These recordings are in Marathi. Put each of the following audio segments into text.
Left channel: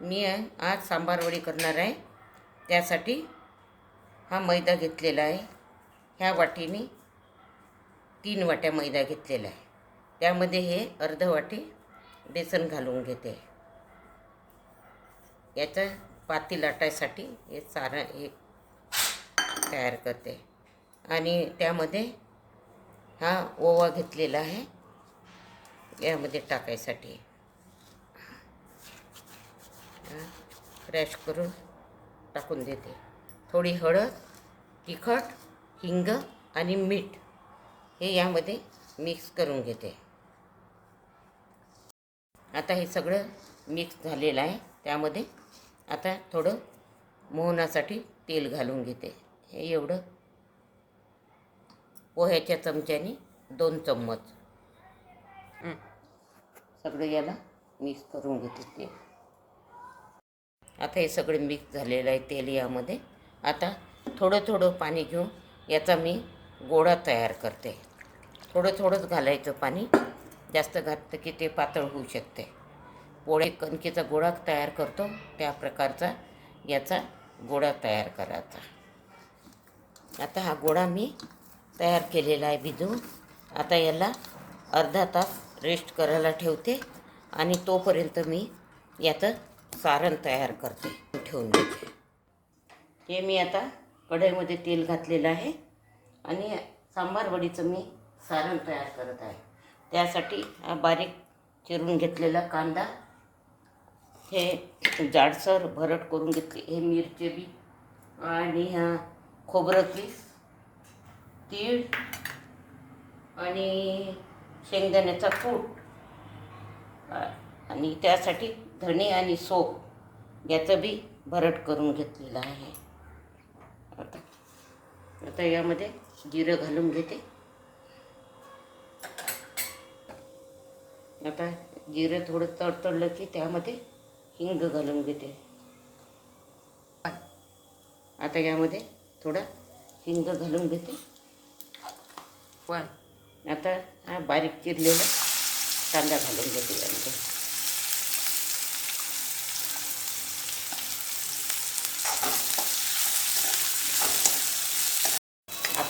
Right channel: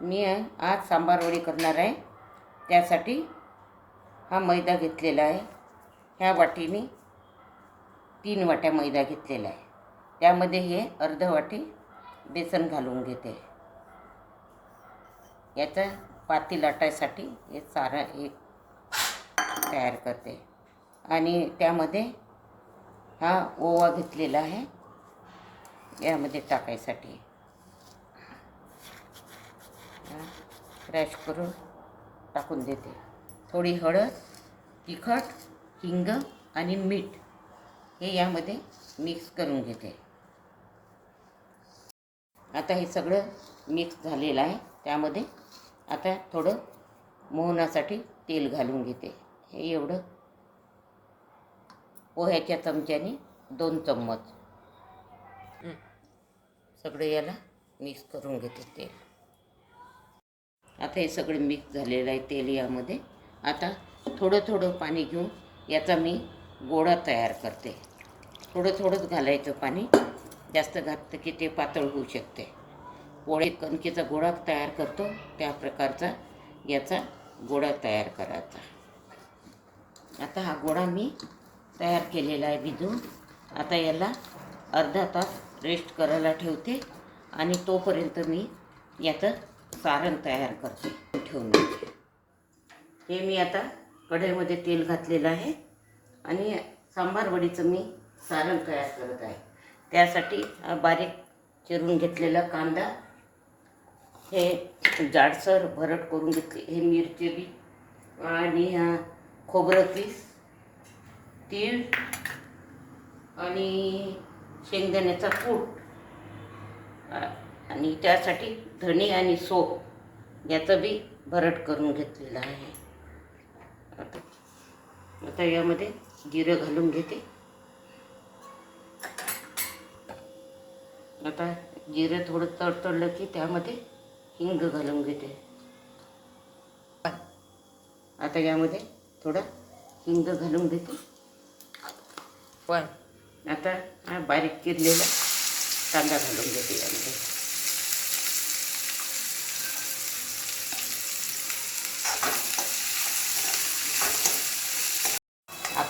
मी आज सांबारवडी करणार आहे. त्यासाठी हा मैदा घेतलेला आहे. ह्या वाटीने तीन वाट्या मैदा घेतलेला आहे. त्यामध्ये हे अर्ध वाटी बेसन घालून घेते. याचा पाती लाटायसाठी हे चारा हे तयार करते. आणि त्यामध्ये हा ओवा घेतलेला आहे. यामध्ये टाकायसाठी. क्रॅश करून टाकून देते. थोडी हळद तिखट हिंग आणि मीठ हे यामध्ये मिक्स करून घेते. आता हे सगळं मिक्स झालेलं आहे. त्यामध्ये आता थोडं मोहनासाठी तेल घालून घेते. हे एवढं पोह्याच्या चमच्याने दोन चम्मच. सगळं याला मिक्स करून घेते तेल. आता हे सगळं मिक्स झालेलं आहे तेल यामध्ये. आता थोडं थोडं पाणी घेऊन याचा मी गोळा तयार करते. थोडं थोडंच घालायचं पाणी. जास्त घातलं की ते पातळ होऊ शकते. पोळे कणकेचा गोळा तयार करतो. त्या प्रकारचा याचा गोळा तयार करायचा. आता हा गोळा मी तयार केलेला आहे भिजवून आता याला अर्धा तास रेस्ट करायला ठेवते. आणि तोपर्यंत मी याचं सारण तयार करते ठेवून देते. हे मी आता कढईमध्ये तेल घातलेलं आहे आणि सांबार वडीचं मी सारण तयार करत आहे. त्यासाठी बारीक चिरून घेतलेला कांदा हे जाडसर भरट करून घेतले हे मिरचे बी आणि खोबरं पीस तीळ आणि शेंगदाण्याचा कूट. आणि त्यासाठी धणे आणि सोप याचं बी भरट करून घेतलेलं आहे. आता आता यामध्ये जिरं घालून घेते. आता जिरं थोडं तडतडलं की त्यामध्ये हिंग घालून घेते. आता यामध्ये थोडं हिंग घालून घेते. वन आता हा बारीक चिरलेला कांदा घालून घेते यामध्ये.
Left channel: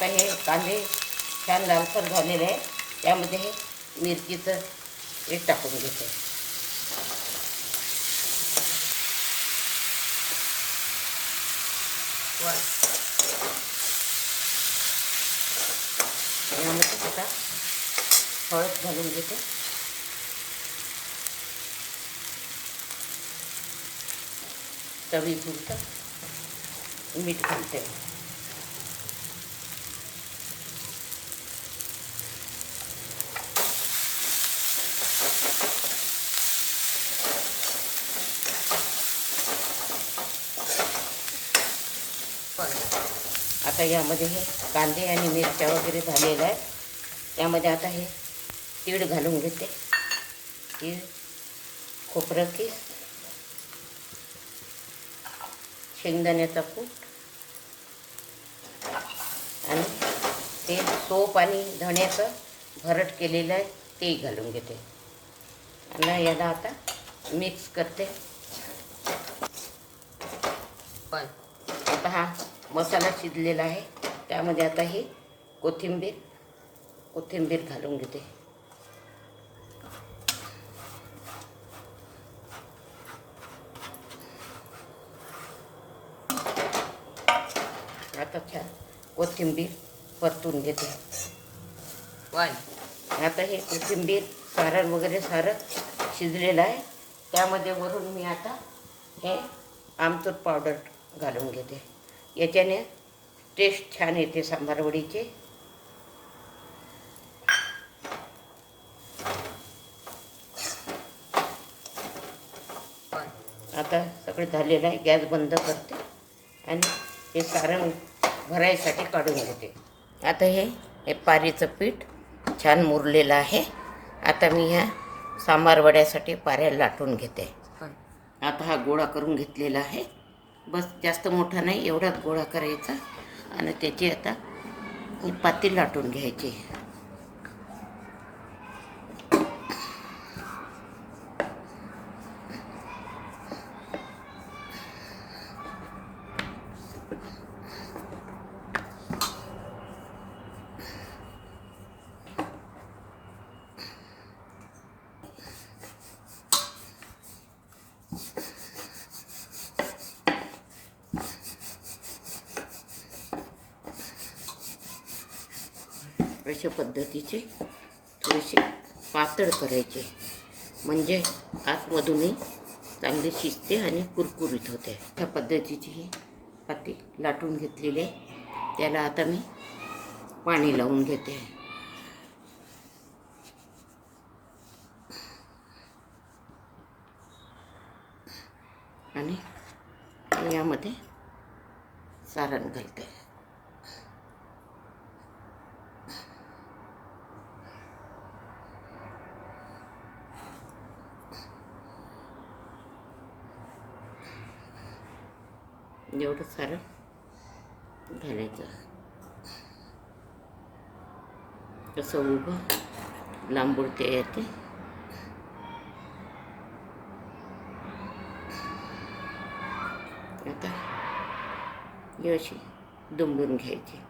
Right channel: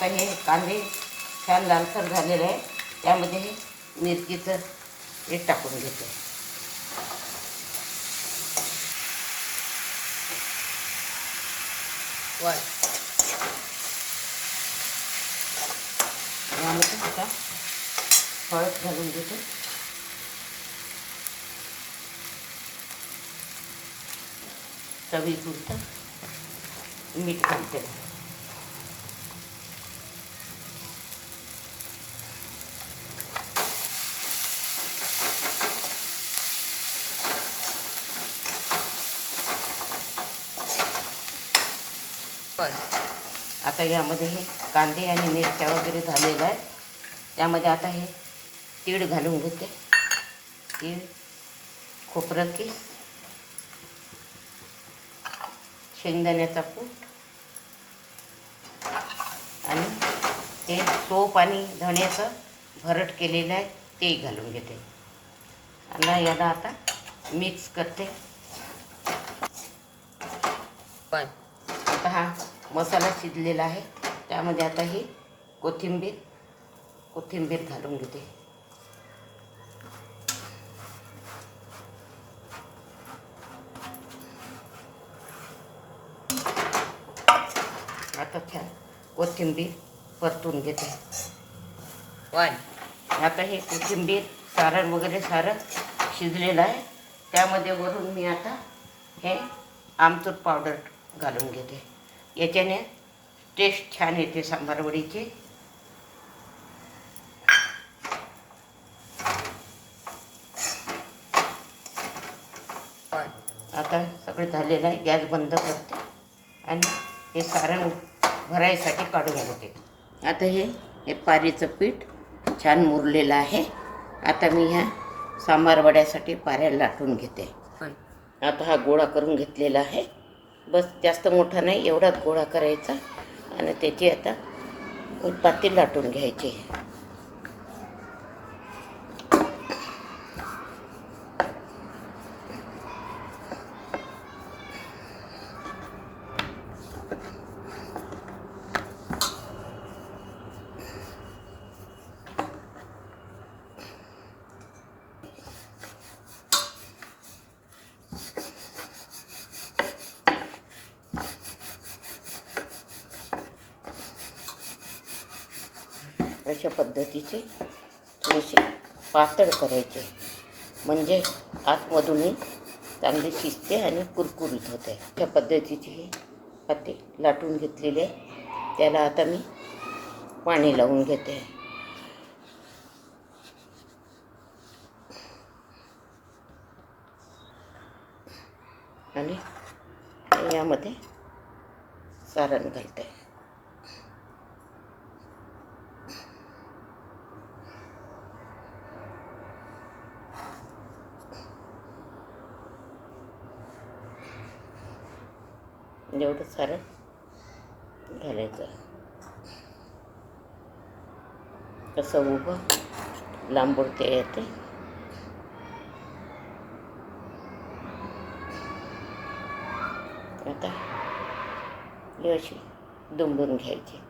आता हे कांदे छान लालसर झालेले आहे. त्यामध्ये हे मिरचीचं हे टाकून घेते. वन यामध्ये आता हळद घालून घेते. चवीपुरतं मीठ घालते. आता यामध्ये हे कांदे आणि मिरच्या वगैरे झालेल्या आहे. त्यामध्ये आता हे तीळ घालून घेते. तीळ खोबरं किस शेंगदाण्याचा कूट आणि ते सोप आणि धण्याचं भरट केलेलं आहे ते घालून घेते. आणि याला आता मिक्स करते. पण आता हा मसाला शिजलेला आहे. त्यामध्ये आता ही कोथिंबीर कोथिंबीर घालून घेते. आता छान कोथिंबीर परतून घेते. वाय आता हे कोथिंबीर सारण वगैरे सारं शिजलेलं आहे. त्यामध्ये वरून मी आता हे आमचूर पावडर घालून घेते. याच्याने टेस्ट छान येते सांबारवडीची. आता सगळं झालेलं आहे गॅस बंद करते आणि हे सारण भरायसाठी काढून घेते आता हे हे पारीचं पीठ छान मुरलेलं आहे. आता मी ह्या सांबार वड्यासाठी पाऱ्या लाटून घेते. आता हा गोळा करून घेतलेला आहे. बस जास्त मोठा नाही एवढा गोळा करायचा. आणि त्याची आता एक लाटून घ्यायची. अशा पद्धतीचे थोडेसे पातळ करायचे. म्हणजे आतमधूनही चांगली शिजते आणि कुरकुरीत होते. त्या पद्धतीची ही पाते लाटून घेतलेली आहे. त्याला आता मी पाणी लावून घेते. आणि यामध्ये सारण घालते. म्हणजे एवढं सारं घालायचं. कसं उभं लांबुडते येते. आता ही अशी दुमडून घ्यायची.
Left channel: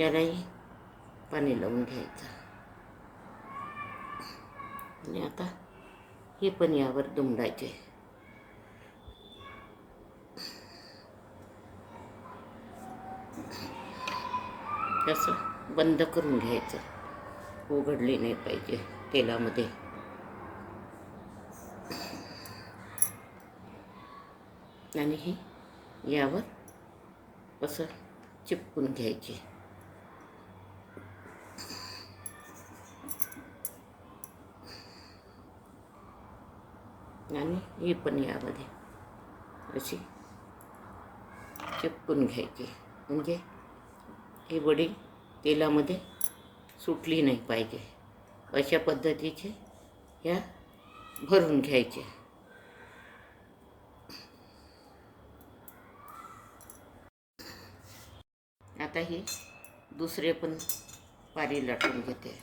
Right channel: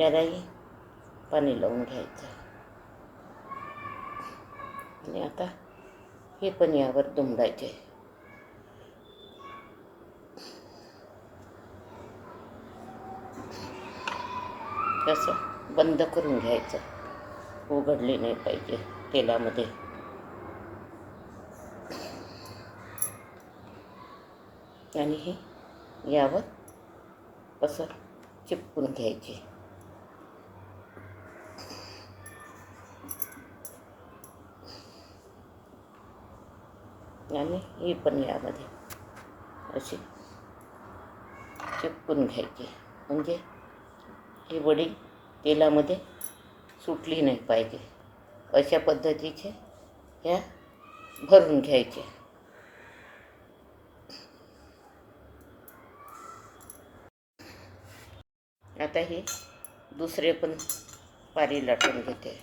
यालाही पाणी लावून घ्यायचं. आणि आता हे पण यावर दुमडायचे. असं बंद करून घ्यायचं. उघडली नाही पाहिजे तेलामध्ये. आणि हे यावर असं चिपकून घ्यायचे. आणि ही पण यामध्ये अशी चिपकून घ्यायची. म्हणजे ही वडे तेलामध्ये सुटली नाही पाहिजे. अशा पद्धतीचे ह्या भरून घ्यायच्या आता हे दुसरे पण पारी लाटून घेते.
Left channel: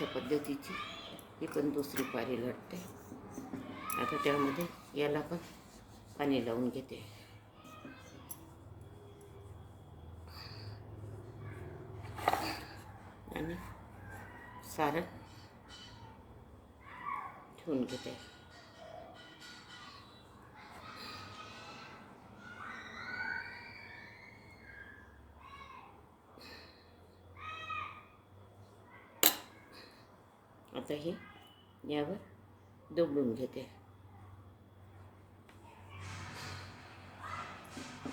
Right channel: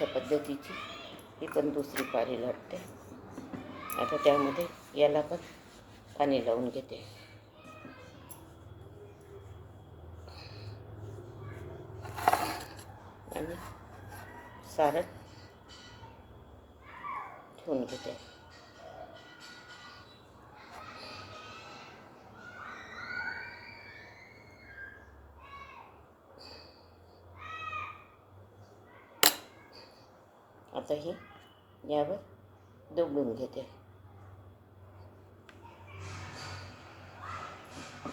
अशा पद्धतीची ही पण दुसरी पारी लढते आता त्यामध्ये याला पण पाणी लावून घेते. आणि सारण ठेवून घेते. आता हे यावर दुबडून घेते.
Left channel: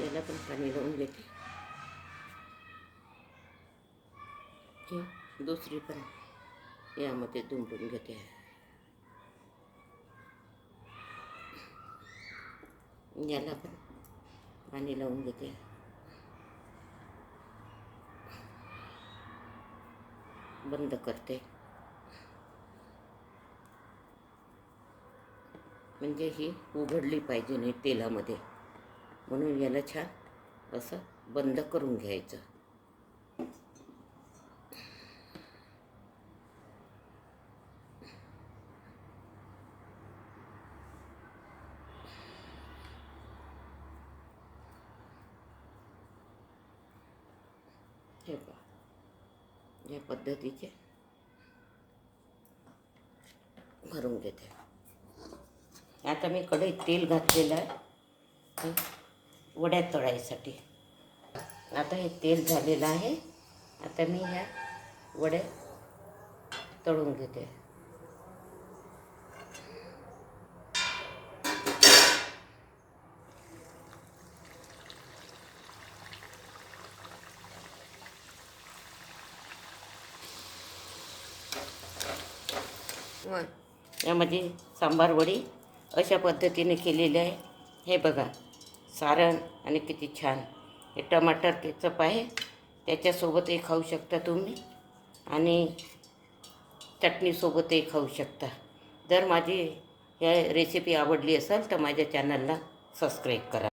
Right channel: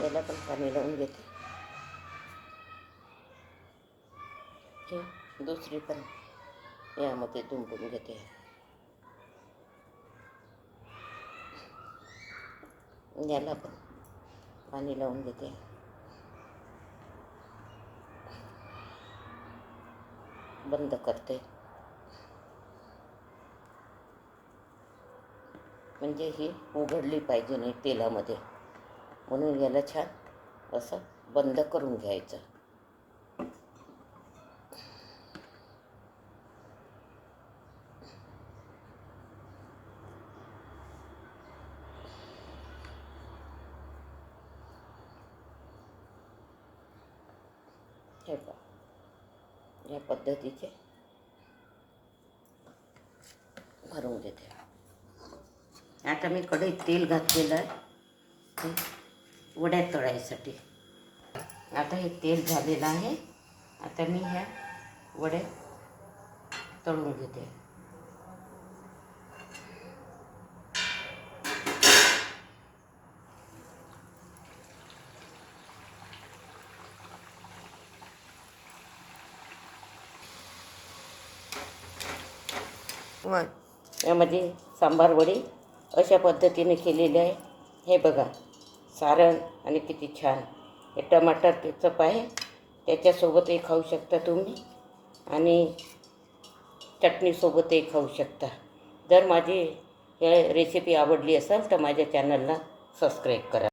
याला पण पाणी लावून घेते. ही दुसरी पण यामध्ये दुमडून घेते. याला पण पाणी लावून घेते. बंद करते. म्हणजे ही उघडली पाहिजे नाही तेलामध्ये. म्हणून याला छान असं बंद करून घ्यायचं. हे या पद्धतीचे भरून घेते. आता मी कढईत तेल घातलेलं आहे. वड्या तळायसाठी. आता हे तेल झालेलं आहे. आता मी ह्या वड्या तळून घेते. यामध्ये सांबार वडी अशा पद्धतीने केलेली आहे. हे बघा सारण आणि किती छान. हे टमाटर केचप आहे. त्याच्यासोबतही खाऊ शकता तुम्ही आणि चटणीसोबतही खाऊ शकता. जर माझी हे रेसिपी आवडली असेल तर माझ्या चॅनलला सबस्क्राईब करा.